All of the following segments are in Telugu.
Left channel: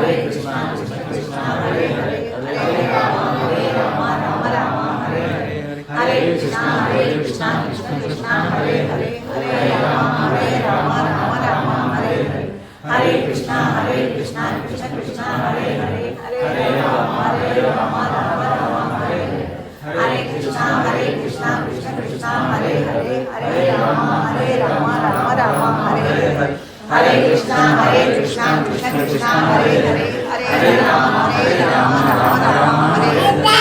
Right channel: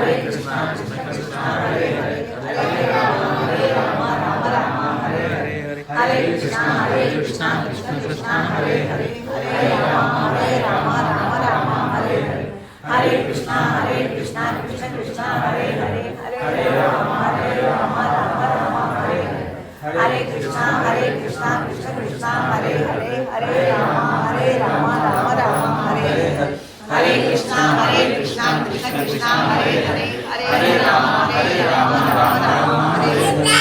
Hare Krishna Krishna Krishna Hare Hare Hare Ram Ram Ram Hare Hare Hare Krishna Krishna Krishna Hare Hare Hare Ram Ram Hare Hare Hare Krishna Krishna Krishna Hare Hare Hare Ram Ram Hare Hare Hare Krishna Krishna Krishna Hare Hare Hare Ram Ram Hare Hare Hare Krishna Krishna Krishna Hare Hare Hare Ram Ram Hare Hare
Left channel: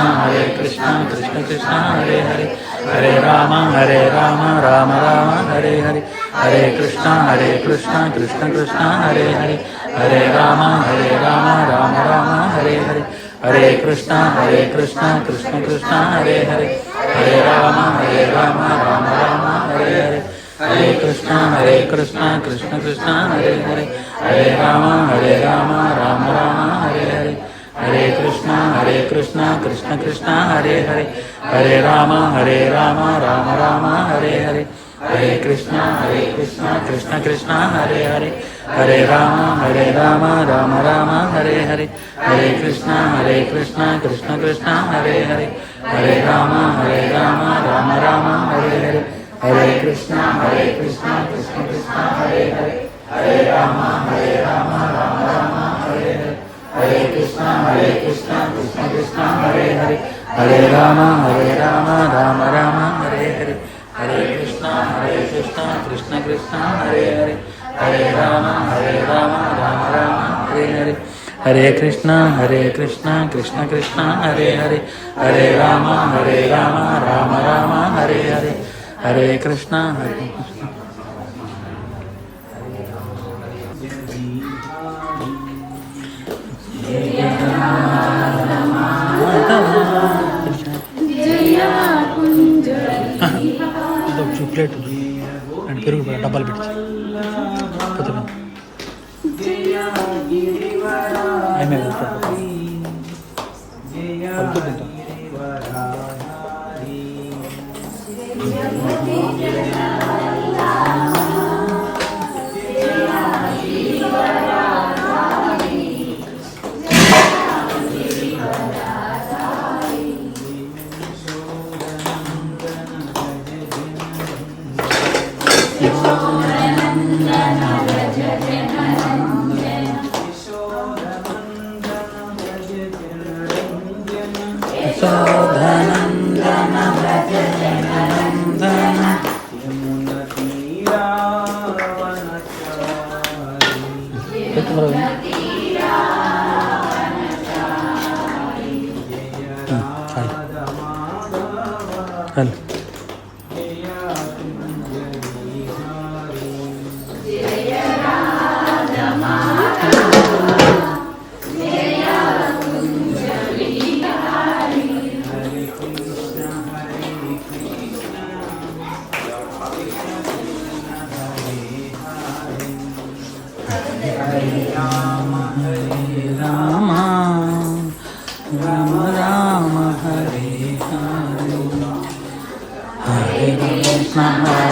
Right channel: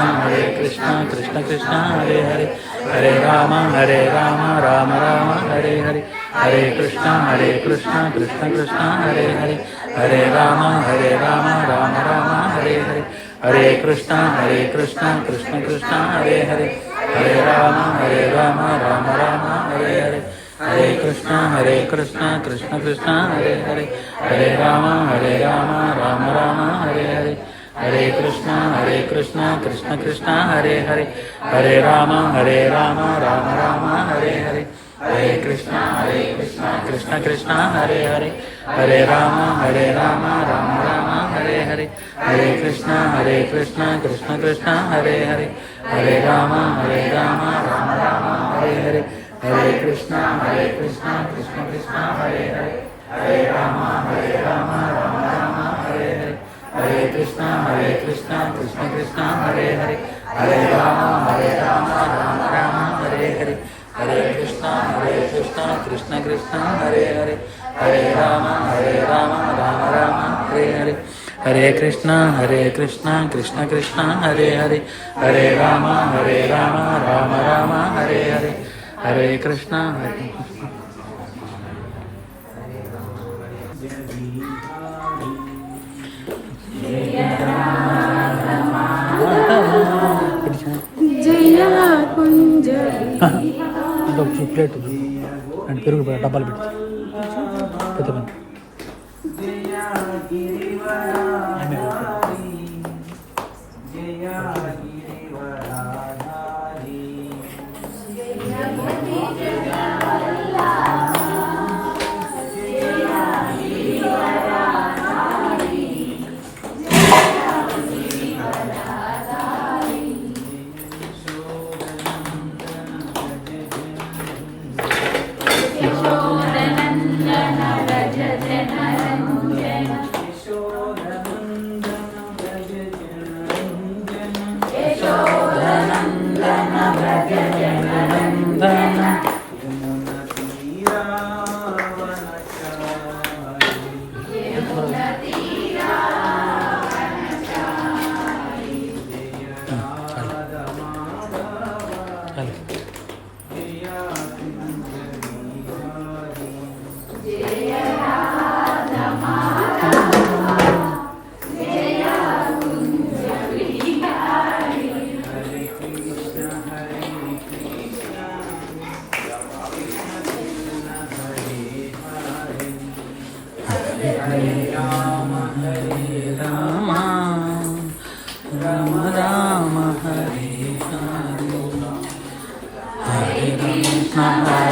Hare Krishna Krishna Krishna Hare Hare Hare Ram Ram Hare Hare Hare Krishna Krishna Krishna Hare Hare Hare Ram Ram Ram Hare Hare Hare Krishna Krishna Krishna Hare Hare Hare Ram Ram Ram Hare Hare Hare Krishna Krishna Krishna Hare Hare Hare Ram Ram Ram Hare Hare Hare Krishna Krishna Krishna Hare Hare Hare Ram Ram Ram Hare Hare Hare Krishna Krishna Krishna Hare Hare Hare Ram Ram Ram Hare Hare Hare Krishna Krishna Krishna Hare Hare Hare Ram Ram Ram Hare Hare Hare Krishna Krishna Krishna Hare Hare Hare Ram Ram Ram Hare Hare Hare Krishna Krishna Krishna Hare Hare Hare Ram Ram Ram Hare Hare Hare Krishna Krishna Krishna Hare Hare Hare Ram Ram Ram Hare Hare Hare Krishna Krishna Krishna Hare Hare Hare Ram Ram Ram Hare Hare Hare Krishna Krishna Krishna Hare Hare Hare Ram Ram Ram Hare Hare Hare Krishna plate and పెరుగు డబ్బాలు పెట్టి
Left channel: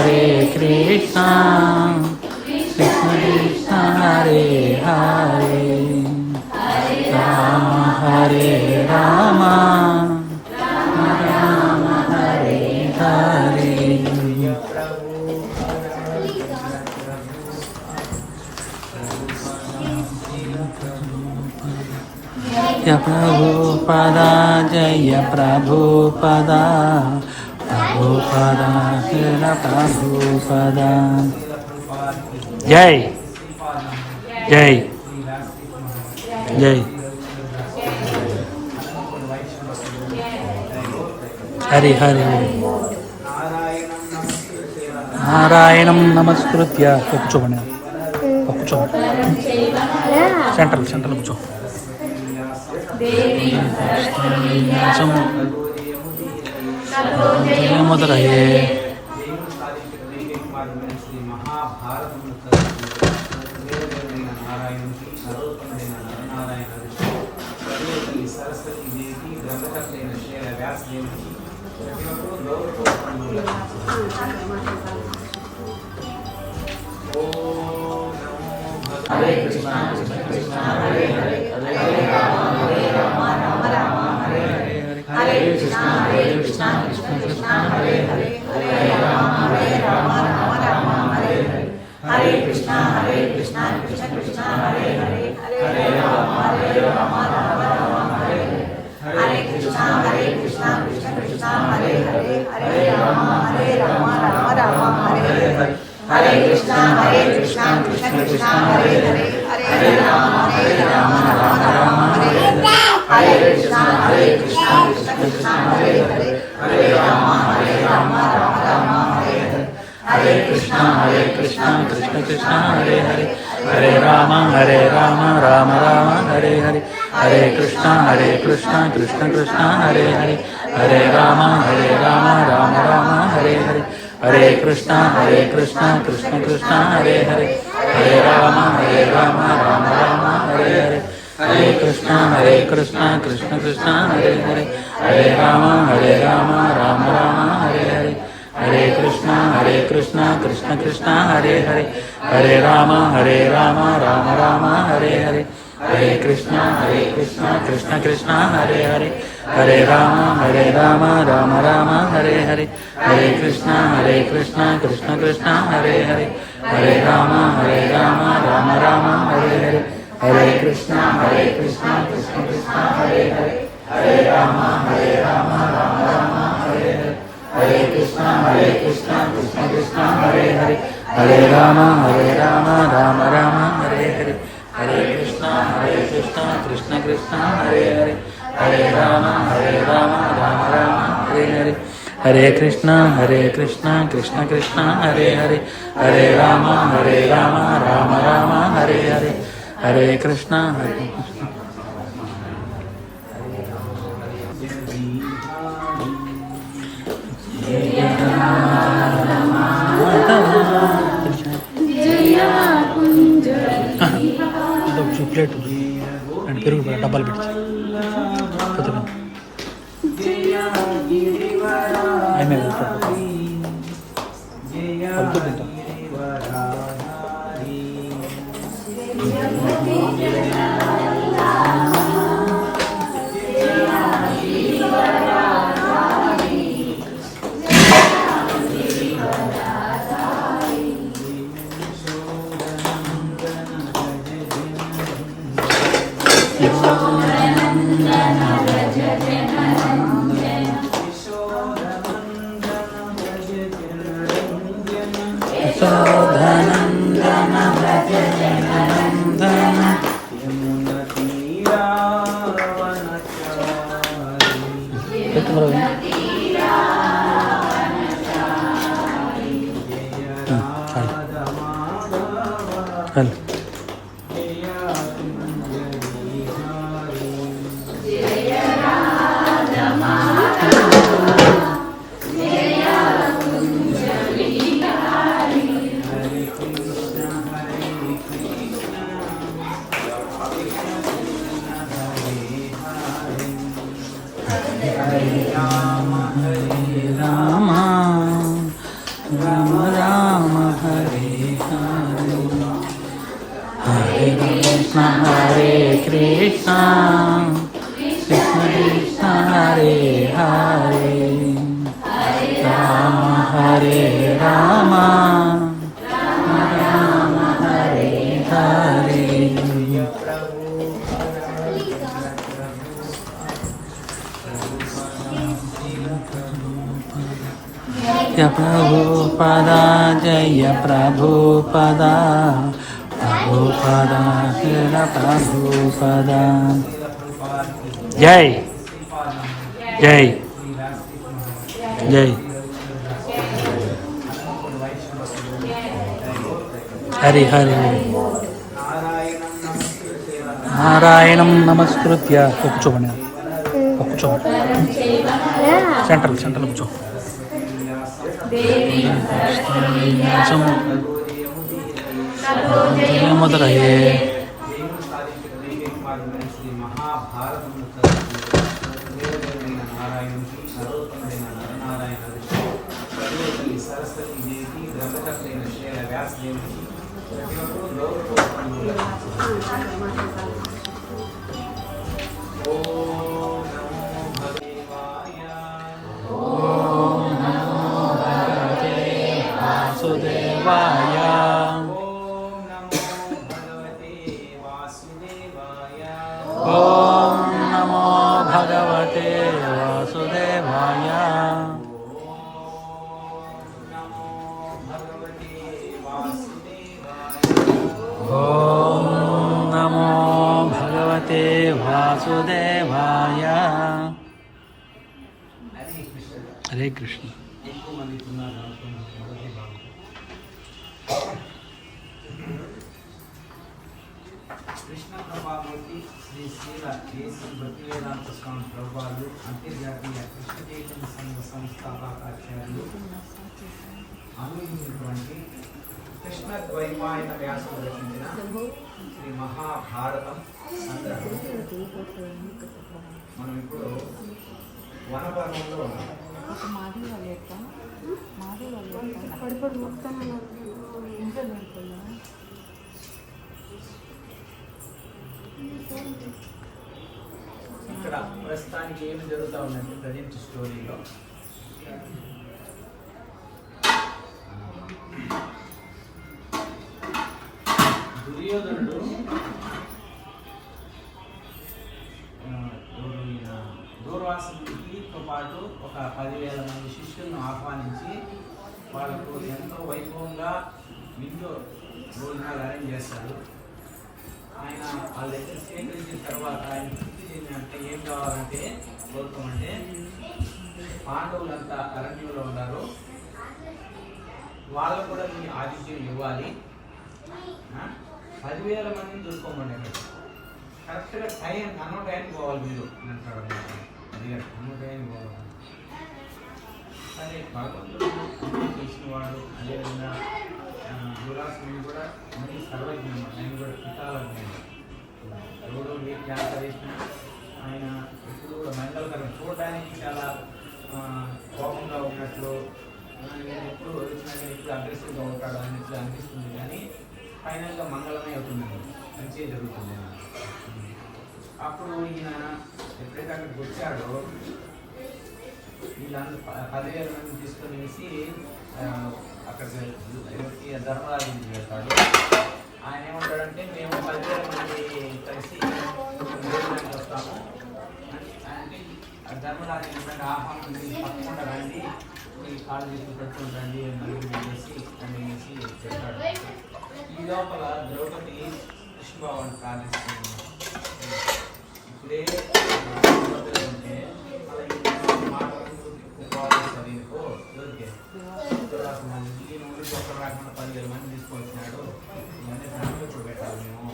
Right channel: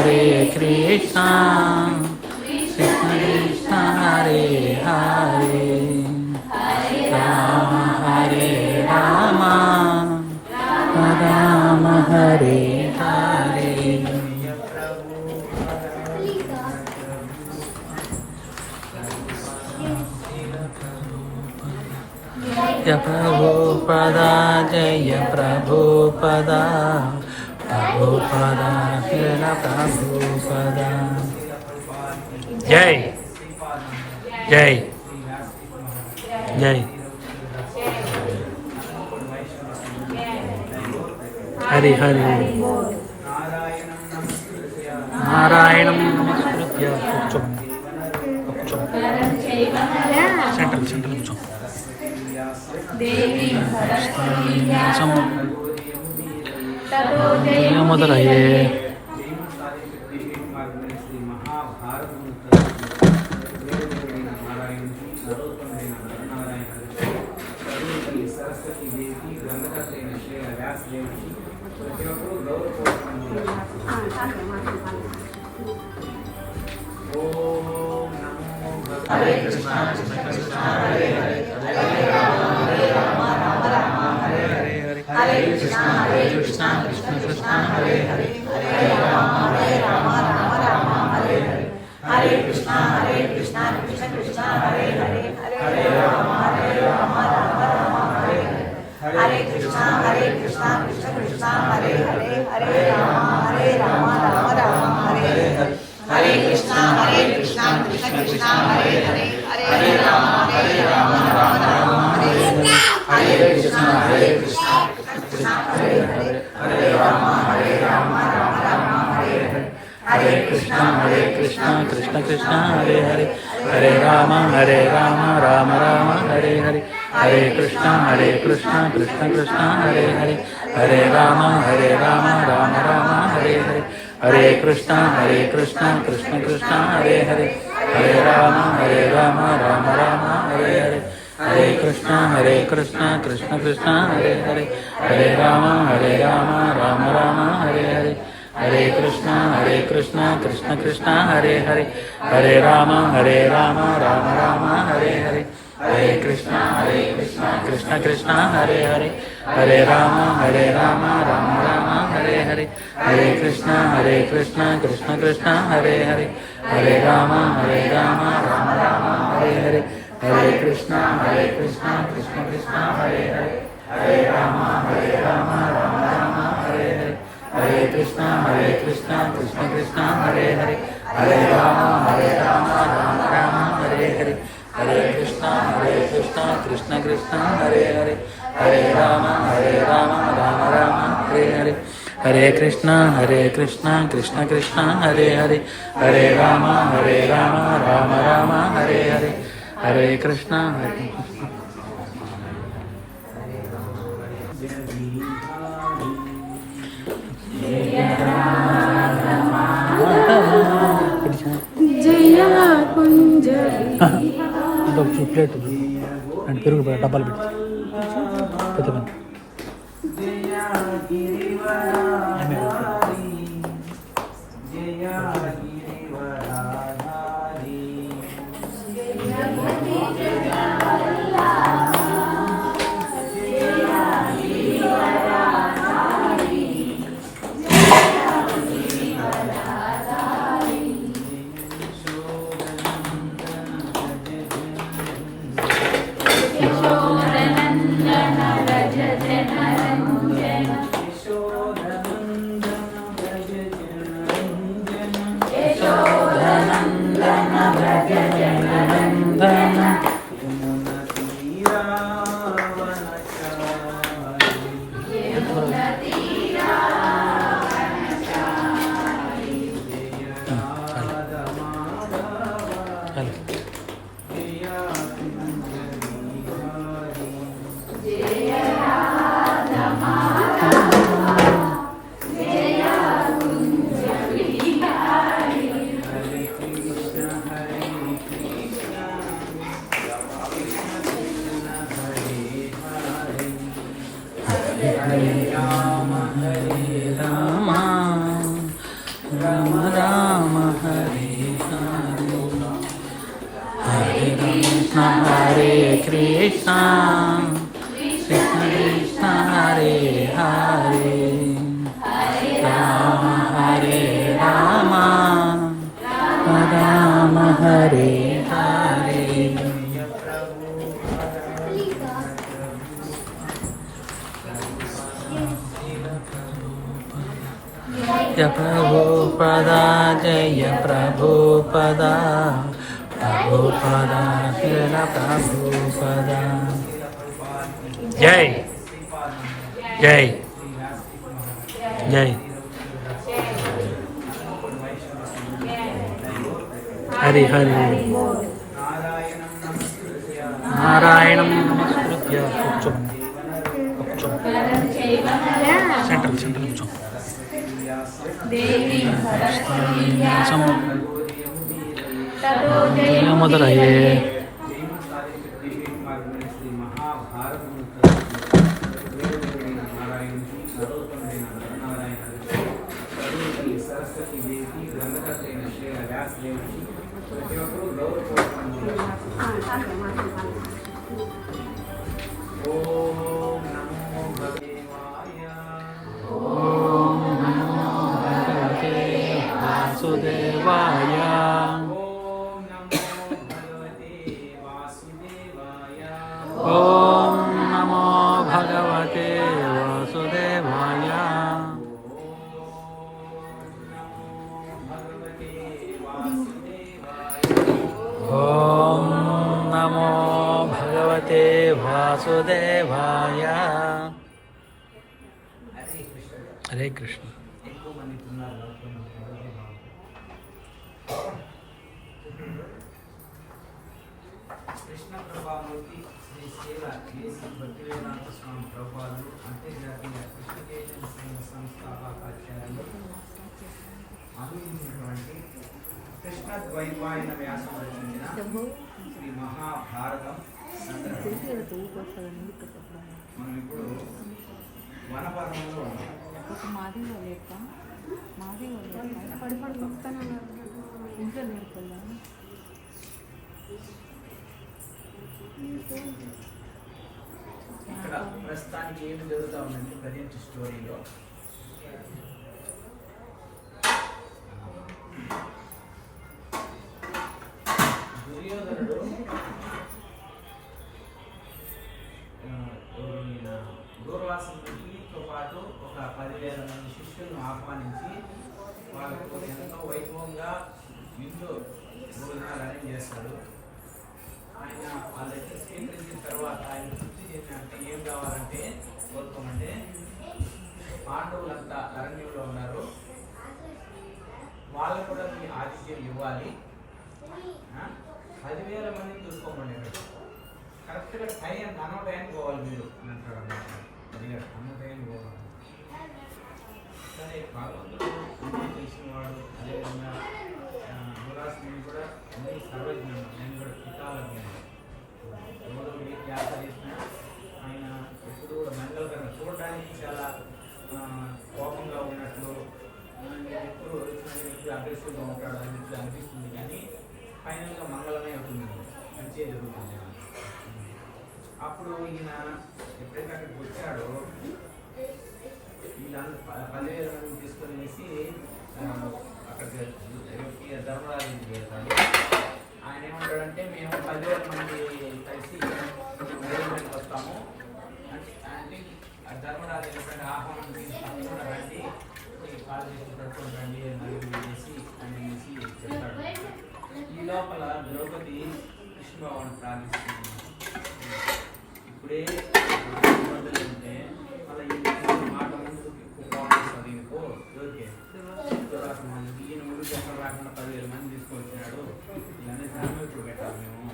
Hare Krishna, Krishna Krishna Hare Hare, Rama Hare Rama, Rama Hare Hare. Jaya Prabhupada, Jaya Prabhupada, Prabhupada, Jaya Prabhupada. Jai, Jai, Jai. Hari Hari. Narayanam Namaskritya. కూర్చోమని కూర్చో సెంటర్ కూర్చో మొదలయ్యే సరస్వతి దేవి గ్రంథకర్త అయిన శ్రీ వ్యాసదేవుకి ప్రతి ఒక్కరూ గౌరవపూర్వకంగా हरे कृष्णा कृष्ण कृष्ण हरे हरे हरे राम राम राम हरे हरे हरे कृष्णा कृष्ण कृष्ण हरे हरे हरे राम राम हरे हरे हरे कृष्णा कृष्ण कृष्ण हरे हरे हरे राम राम हरे हरे हरे कृष्णा कृष्ण कृष्ण हरे हरे हरे राम राम हरे हरे हरे कृष्णा कृष्ण कृष्ण हरे हरे हरे राम राम हरे हरे हरे कृष्णा कृष्ण कृष्ण हरे हरे हरे राम राम हरे हरे हरे कृष्णा कृष्ण कृष्ण हरे हरे हरे राम राम राम हरे हरे हरे कृष्णा कृष्ण कृष्ण हरे हरे हरे राम राम राम हरे हरे हरे कृष्णा कृष्ण कृष्ण हरे हरे हरे राम राम राम हरे हरे हरे कृष्णा कृष्ण कृष्ण हरे हरे हरे राम राम राम हरे हरे हरे कृष्णा कृष्ण कृष्ण हरे हरे हरे राम राम राम हरे हरे हरे कृष्णा कृष्ण कृष्ण हरे हरे हरे राम राम राम हरे हरे हरे कृष्णा कृष्ण कृष्ण हरे हरे हरे राम राम राम हरे हरे हरे कृष्णा कृष्ण कृष्ण हरे हरे हरे राम राम राम हरे हरे हरे कृष्णा कृष्ण कृष्ण हरे हरे हरे राम राम राम हरे हरे हरे कृष्णा कृष्ण कृष्ण हरे हरे हरे राम राम राम हरे हरे हरे कृष्णा कृष्ण कृष्ण हरे हरे हरे राम राम राम हरे हरे हरे कृष्णा ప్లేట్ అండ్ పెరుగు డబ్బాలు పెట్టి కొత్తగా Hare Krishna, Krishna Krishna Hare Hare, Rama Hare Rama, Rama Hare Hare. Jaya Prabhupada, Jaya Prabhupada. Prabhupada, Srila Prabhupada. Jai, Jai, Jai. Hari Hari. Narayanam Namaskritya. కూర్చోమని కూర్చో సెంట్రల్ కూర్చో మొదలయ్యే సరస్వతి దేవికి గ్రంథకర్త అయిన శ్రీల వ్యాసదేవికి ప్రతి ఒక్కరూ గౌరవపూర్వకం ఓం నమో భగవాయ ఓం నమో భగవతే వాసుదేవాయ ఓం నమో భగవతే వాసుదేవాయ ఓం నమో భగవతే వాసుదేవాయ. హరే కృష్ణ. ఎక్కువ మంది ఉన్నారు. కృష్ణ ప్రభావతి శ్రీ శ్రీల జేసి భక్తివేదాంత స్వామి ప్రభుపాలు అంతర్జాతీయ కృష్ణ చైతన్య సంఘ సంస్థాపకాచార్యులు అందించినటువంటి కృష్ణ ద్వైపాయన వ్యాసం రచించిన శ్రీ మహాభారతం సంగ్రహం. మనం ఇప్పుడు వనపర్వంలో ఉన్నాం. ఇక్కడ ప్రస్తుతానికి ఏమి జరుగుతూ ఉందంటే ప్రజెంట్ స్టోరీలో దుర్యోధనుడు దూర్వాసునితో పాటు ఒక 10,000 మంది శిష్యులను ఆహ్వానించి వాళ్ళకు ఎంతో వైభవంగా నిండు భోజనాలు అరేంజ్ చేశాడు. ఆయన వాళ్ళ దగ్గర స్వీకరించిన తర్వాత ఆయన తృప్తి చెందినంటే ఏం కావాలంటే కోరుకోమంటే పాండవులంతా అరణ్యంలో ఉన్నారు, వాళ్ళు కూడా మీ ఆతిథ్యం ఇవ్వాలి, 10,000 మందిని చూసుకోమండి, కరెక్ట్గా అన్న టైంకి పోవాలి మీరు అంటాడు. అది అన్న టైంకి పోవాలి. సరే భగవంతుడు తెలిసిన వాడు, అదేవిధంగా దురాసుని కూడా ముందు సర్వజ్ఞానం, ఆయన కూడా పితాలజ్ఞానం. ఎవరో వ్యాస చేసిన ఆయన ఎప్పుడు కూడా మంగళకరం, చూడడానికి చాలా కోపంగా ఉన్నట్లు, ఎప్పుడు ఎప్పుడు అగ్రెసివ్గా ఉంటాడు అన్నట్లు అనిపిస్తుంది, కానీ ఫైనల్గా మంగళమే అవుతుంది, మంచిగా జరుగుతుంది. అప్పుడు ఈయన ఎప్పుడైతే అక్కడికి వచ్చాడో వీళ్ళందరూ 10,000 మంది తీసుకొని వేసి అక్కడికి ధర్మరాజుకి వెళ్తాడు. ఆయన ఏమంటాడంటే మేము 10,000 మంది కలిసి భోజనానికి వస్తాము అంటే ధర్మరాజు ఏంటంటే ఆహ్వానం తప్పకుండా రండి, ఈ కాళ్ళు తీసుకుని పెట్టుకుని రండి, నలుగురు వేసి వేసి చెప్తాడు. ఈ లోపల ద్రౌపది కృష్ణబాబుని ప్రార్థిస్తుంది. ఇప్పుడే ఉంటే అలా ఈ మాట ఉపవాసాలు దొరికే ఈయన ఊరికి ఒకరు రాకుండా 10,000 మంది తీసుకొచ్చినాడు, ఇవన్నీ ధనం ఇప్పుడు పెట్టాలి, మేము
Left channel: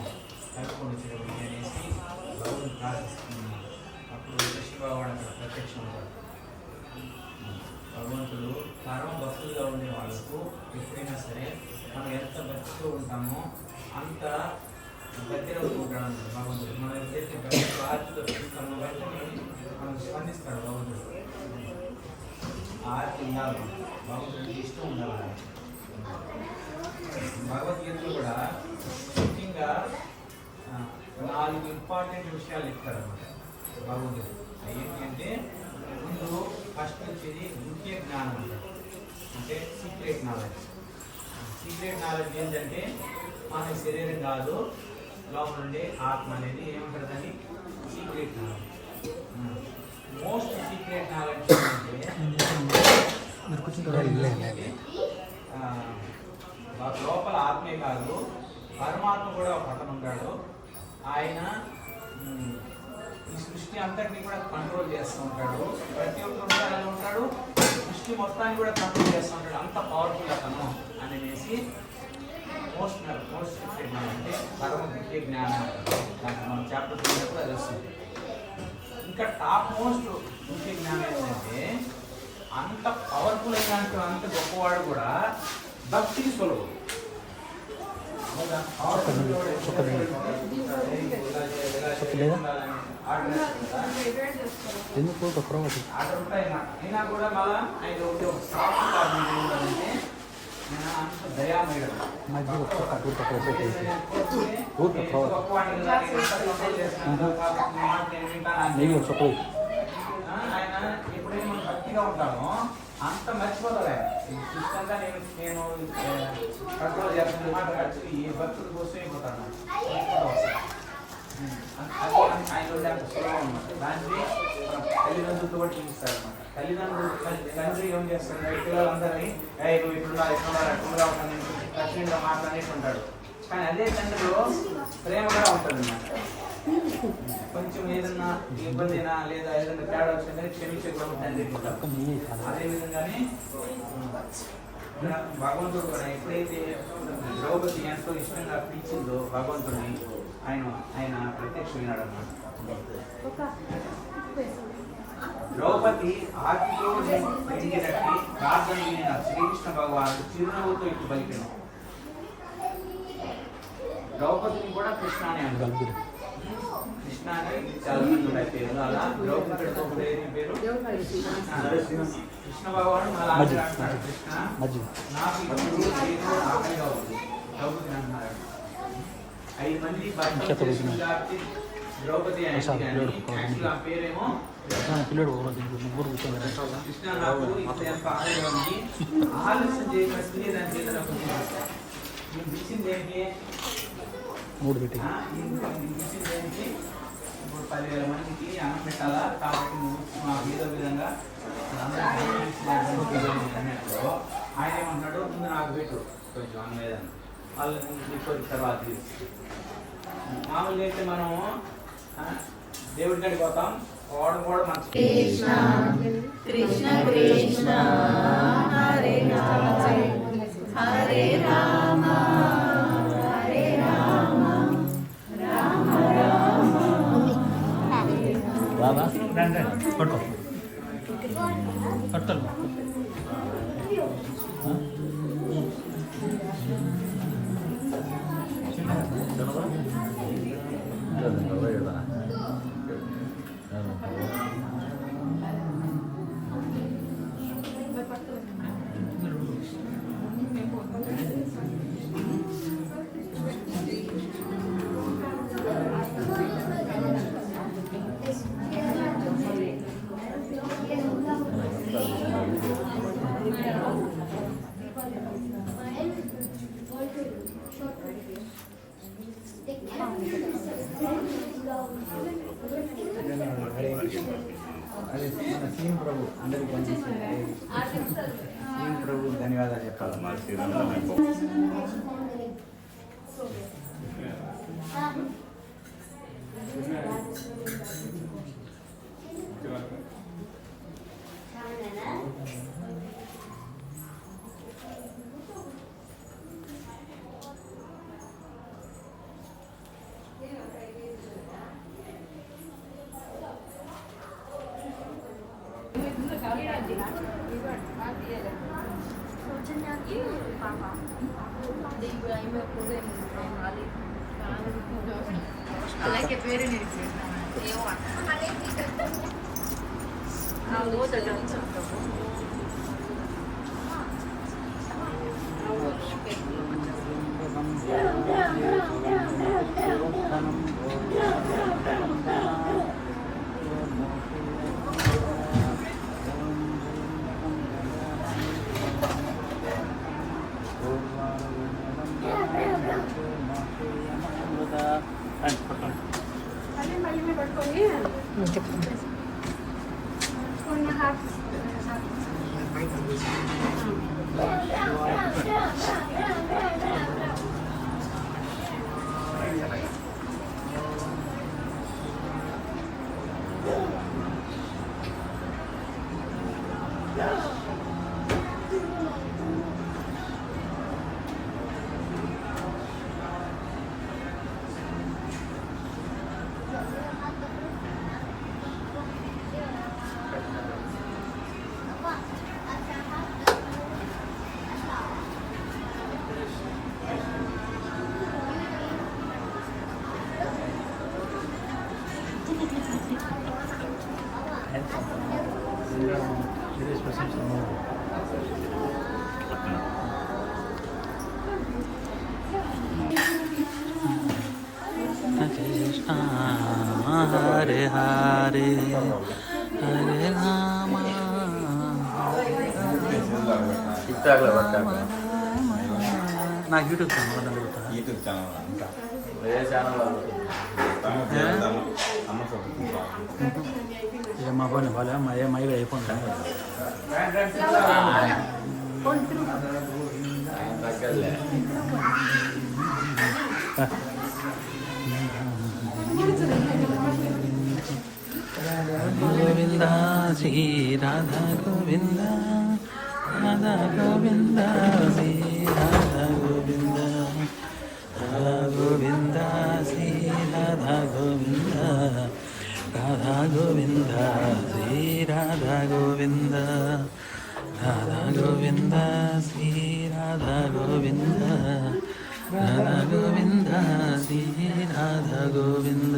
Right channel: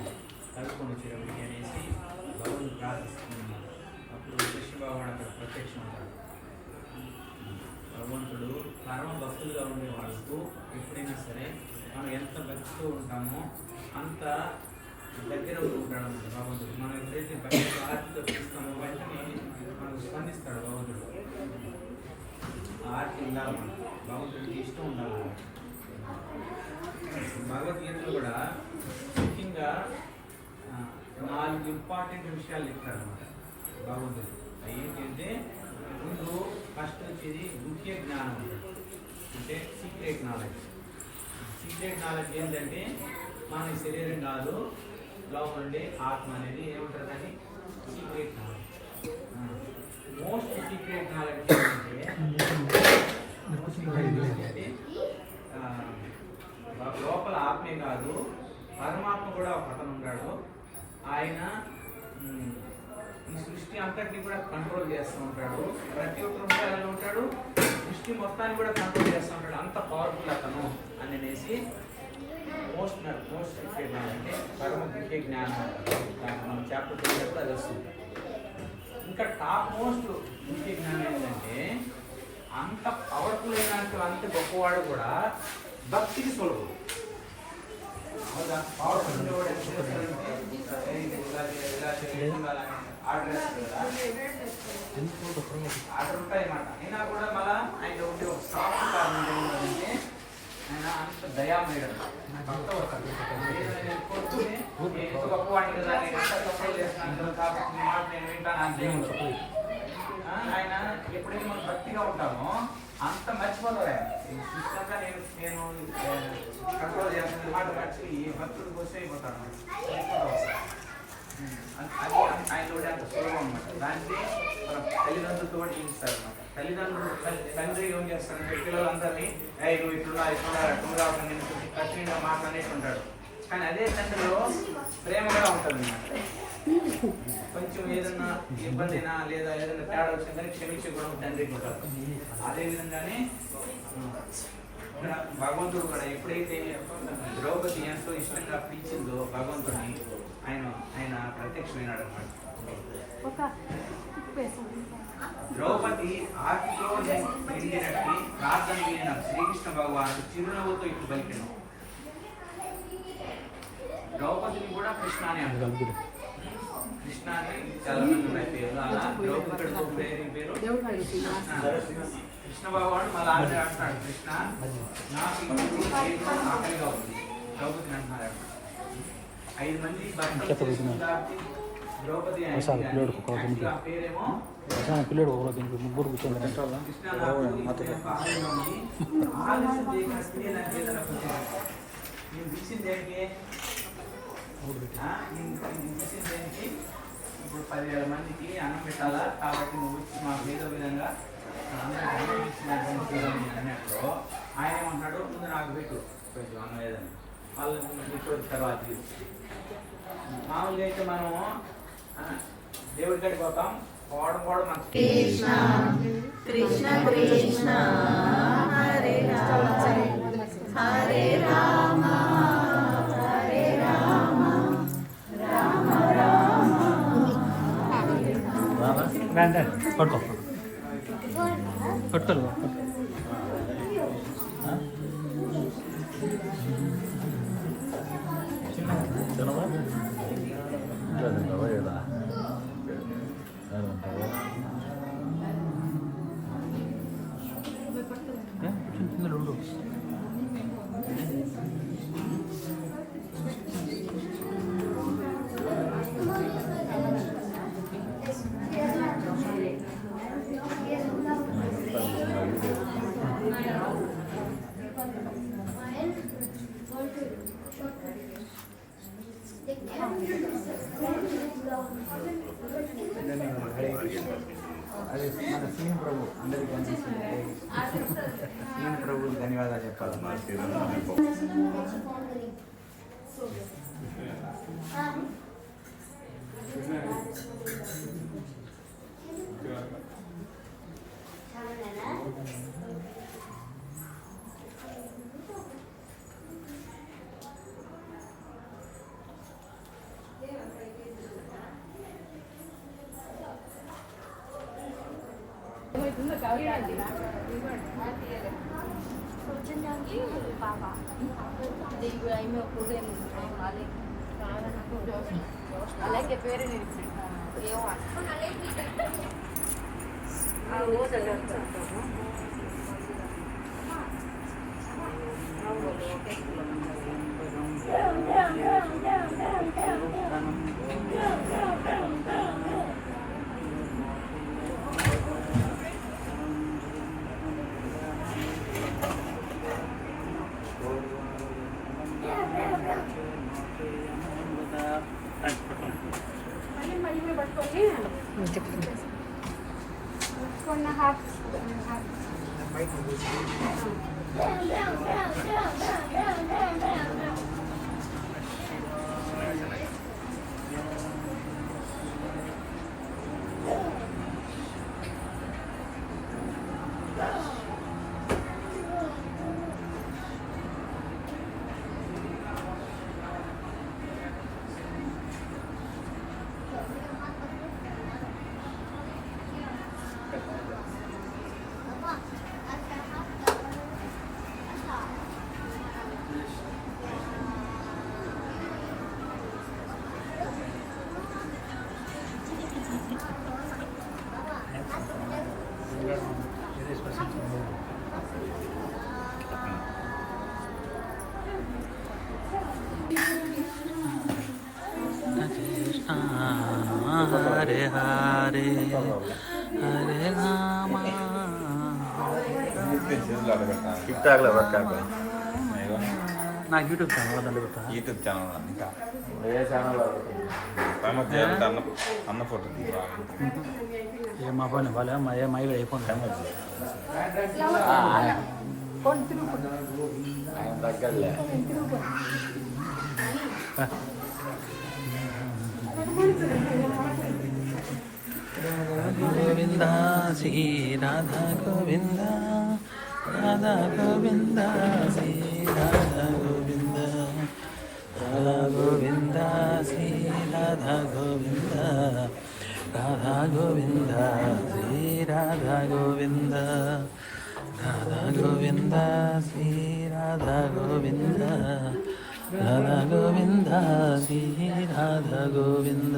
కలుపుకొని చెరువు అనేసి గౌరవం ప్రార్థిస్తున్నాం. అప్పుడు కృష్ణబాబు అక్కడ ప్రత్యక్షం ఉంటాడు. భగవంతుడు పరమ భక్తులుగా ఉండే వాళ్ళకు ఎప్పుడైనా సరే మనం ఎంత భక్తితో ఉంటామో అంత దగ్గర ఉంటాడు అన్నమాట భగవంతుడు. మనం ఎప్పుడైతే భక్తి ఆర్తితో పిలుస్తామో వెంటనే మనం స్పందిస్తాడు భగవంతుడు. ఆర్తి ఉండాలి, భగవంతుడికి ఇష్టం ఉండాలి. భగవద్గీతలో కూడా ముఖ్యంగా 4 ఇంపార్టెంట్ విషయాలు చెప్తారు అన్నమాట భగవంతుడు. ఏంటి అంటే ముందు ఫస్ట్ వచ్చేది గుహ్య జ్ఞానం అంటారు, అంటే సీక్రెట్ నాలెడ్జ్. సీక్రెట్ నాలెడ్జ్ ఏంటంటే మన శరీరం కాదు, లోపల ఉండే ఆత్మ అనేది ఏమంటారు కానీ secret knowledge. Most secret knowledge అంటే లోపల ఆత్మే కాదు, పరమాత్మ కూడా ఒక అతను ఉంటాడు. ఆయన ఈ సృష్టి అంతటిని కూడా కంట్రోల్ చేస్తూ ఉంటాడు. ప్రతి ఒక్కరు ఉంటాడు ఉంటాడు, సృష్టి మొత్తాన్ని కూడా కంట్రోల్ చేస్తూ ఉంటాడు. అంత పవర్ఫుల్ అతను అనేసి మోస్ట్ సీక్రెట్ అంటే పరమ దివ్య జ్ఞానం. మనం చాప్టర్ చదివినప్పుడు అది వస్తుంది. ఇంకా టాప్ మోస్ట్ దివ్య జ్ఞానం ఏంటంటే అంత పవర్ఫుల్ అయినట్టు అంత గొప్పవాడు కూడా భక్తికి సులభం. ఆర్డర్ ఉంటాయి అన్నమాట. అయినా కూడా మళ్ళీ ఆయన ఒకటి ఒక సాఫ్ట్ కారణం ఏంటంటే అంత దయామయుడు. గొప్పవాడిని కదా, నేను ఎంత కంట్రోల్ చేస్తున్నాను కాబట్టి నీ మాట నేను వింటాను అని. ఆయన ఎప్పుడైతే మనం భక్తిగా ఉంటామో అంత మర్చిపోతారు. ఆయన ఈ సృష్టి అంతా నేను కంట్రోల్ చేస్తున్న మాట మర్చి ఈ భక్తుడు కోసం అయిపోతాను అన్నమాట. అది ఆయన అంత సులభం అన్నమాట. దాన్ని తల్లిదండ్రులతో కూడా జీవిస్తారు అన్నమాట. తండ్రి ఏం చేస్తాడు, పిల్లలందరినీ నువ్వు ఇట్లున్నా అట్లుగా ఉంటాను కఠినంగా మాట్లాడేస్తుంటాడు. కానీ అదే తండ్రిలో ప్రేమ కూడా ఉంటుంది అన్నమాట. కొంచెం ఏదన్నా ఇబ్బంది అయినా లేదా ఏదైనా తేడా వచ్చిందని క్షమించే కూడా తండ్రి ఉంటాడు. అదేవిధంగానే భగవంతుడు కూడా ఎప్పుడైతే ద్రౌపది ఎంతో ఇష్టంగా పిలిచిందో భగవంతుడిని ఆయన ప్రత్యక్షమైనాడు అన్నమాట. ద్రౌపది ఆకితో పెరిగినట్టు ప్రార్థన విన్న శ్రీకృష్ణ భగవానుడు చిరునవ్వుతో ఇటు పలికెను. ద్రౌపదిని కూడా కృష్ణ అని అంటారు. కృష్ణ అంటే చాలా మంది ఉన్నాయి పేరు. అలా ద్రౌపది పేరు కృష్ణ భగవానుడు మళ్ళీ ఆఖరి అంటున్నాడు, కృష్ణ నాకు ఇప్పుడు ఆకలిగా ఉంది ద్రౌపదిని అంటున్నారు. 5 మంది ద్రౌపది పేరేమో ఆలస్యం చేయకుండా నేను ఇచ్చింది దేనికి ఇప్పుడు 10,000 మందికి అన్నం పెట్టాలా కాబట్టి నువ్వు మాకు ఏదో విధంగా అన్నట్టు ఆయన ఏమంటాడు, ముందు నాకు పెట్టు కొంచెం అన్నం ఏదన్నా వాళ్ళు మీకు తర్వాత మామూలుగా అయితే మనము దేవుడి కాడికి పోతాం, పోవడం కూడా మంచి. కృష్ణ కృష్ణ కృష్ణ హరే రామ హరే రామ హరే రామ రామ రామ పట్టుకో పట్టుకో అదే మన సీన్ ప్రభు అందరికీ కనిపిస్తుంది. సీన్ ప్రభు ధన్యవాదాలు చెప్పాలి. హరే హరే హరే రామ నాకు యూట్యూబ్ ఛానల్ దాంట్లో పెడతా యూట్యూబ్ ఛానల్ ఏ మా పని వాళ్ళ మా ఏ మైగా అయిపోయింది కానీ గోవింద శ్రీ రాధా గోవింద రాధా గోవింద శ్రీ రాధా గోవింద రాధా గోవింద శ్రీ రాధా గోవింద రాధా గోవింద శ్రీ రాధా గోవింద రాధా గోవింద శ్రీ రాధా గోవింద రాధా గోవింద శ్రీ రాధా గోవింద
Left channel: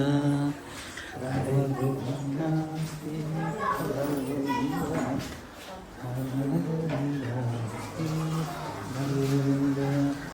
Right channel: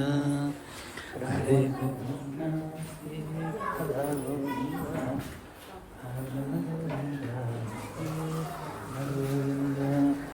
హరే గోవింద శ్రీ